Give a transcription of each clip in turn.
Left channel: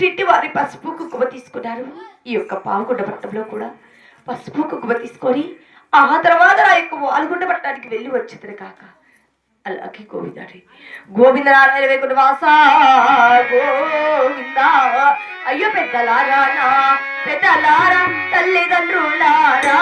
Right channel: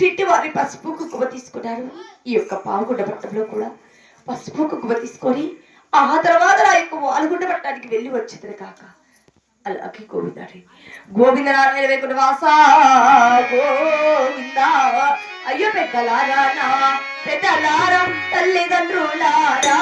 పుట్టింటి వారి పసుపు కుంకుమ తీసుకున్నారు. ఈ యొక్క పావుగుడ్డ పట్టంలో కూడా పసుపు కుంకుమ తీసుకొని ఆ తర్వాత ఆ యొక్క వాలుగుడ్డ పట్టడానికి వెళ్ళి వచ్చింది కాక. అలాగే గోవిందారి గోవింద నారాయణ వైకుంఠ వాస గోవింద. అయ్యో పెద్దలారా పెద్దలారా తల్లిదండ్రులారా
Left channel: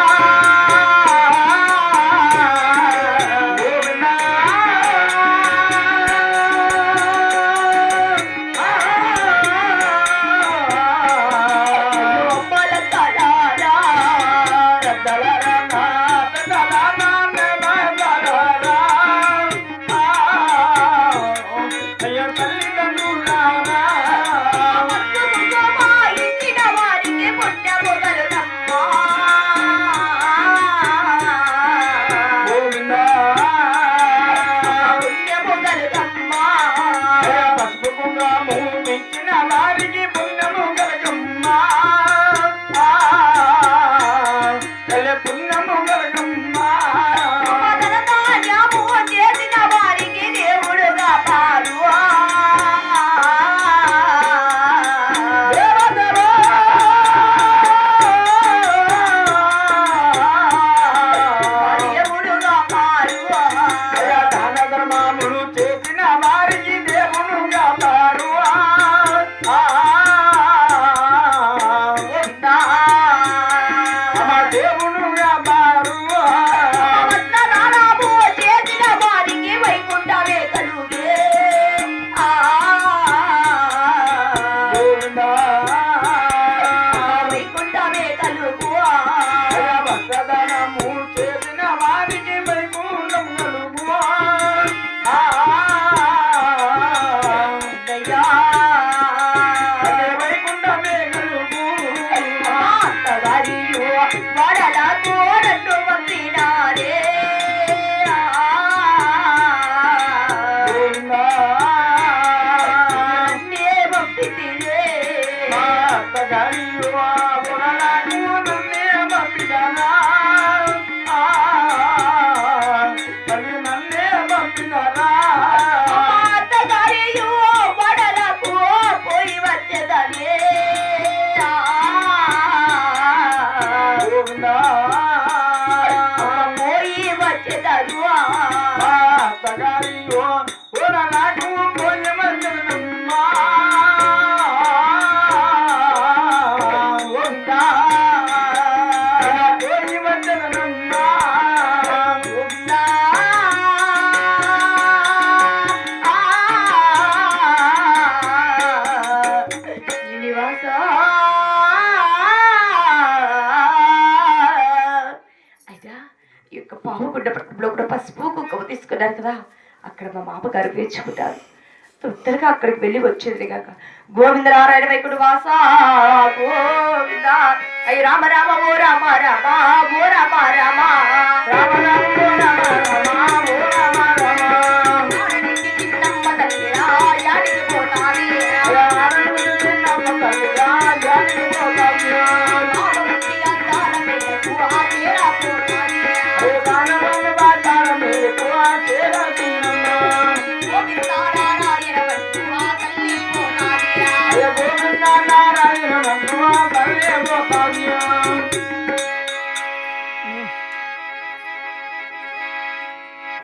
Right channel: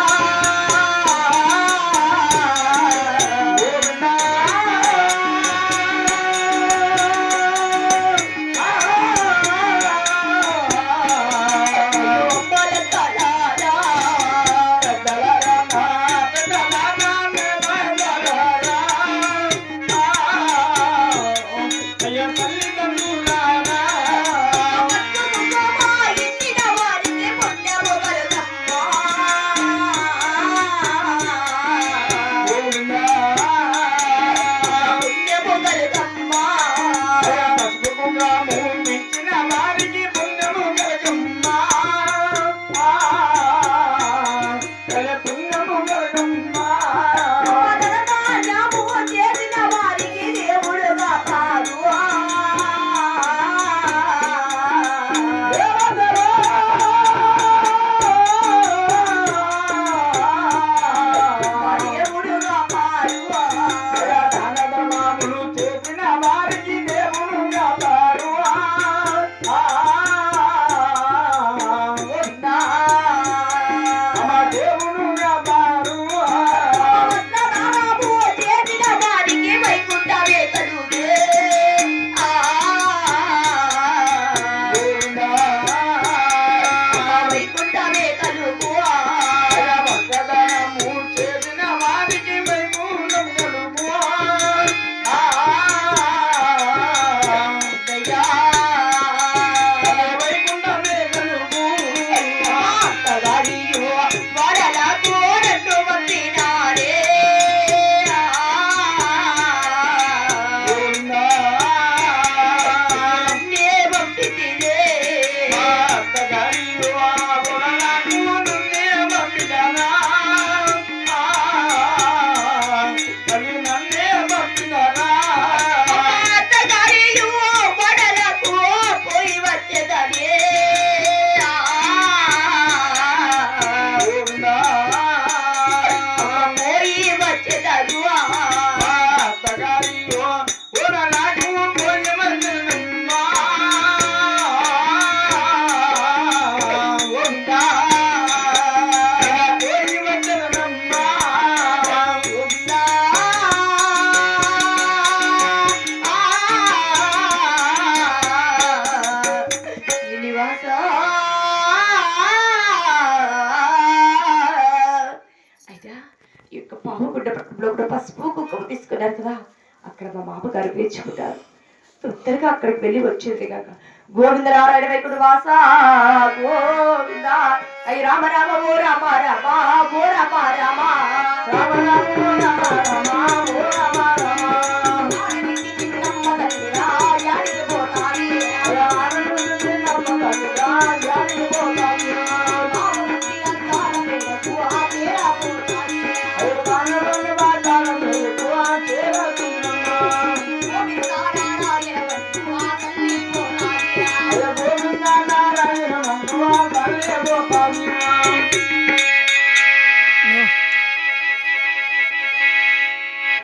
పసుపు కుంకుమ తీసుకున్నారు కదా. అక్కడ మా మామగారు వేర్చుకుంటారు. తొందరగా అక్కడికి వెళ్ళి వచ్చేది కాక గోవింద నారాయణ వైకుంఠ వాస గోవింద. అయ్యి రామ రామ ఓ రామ రామ ఓ రామ రామ రామ రామ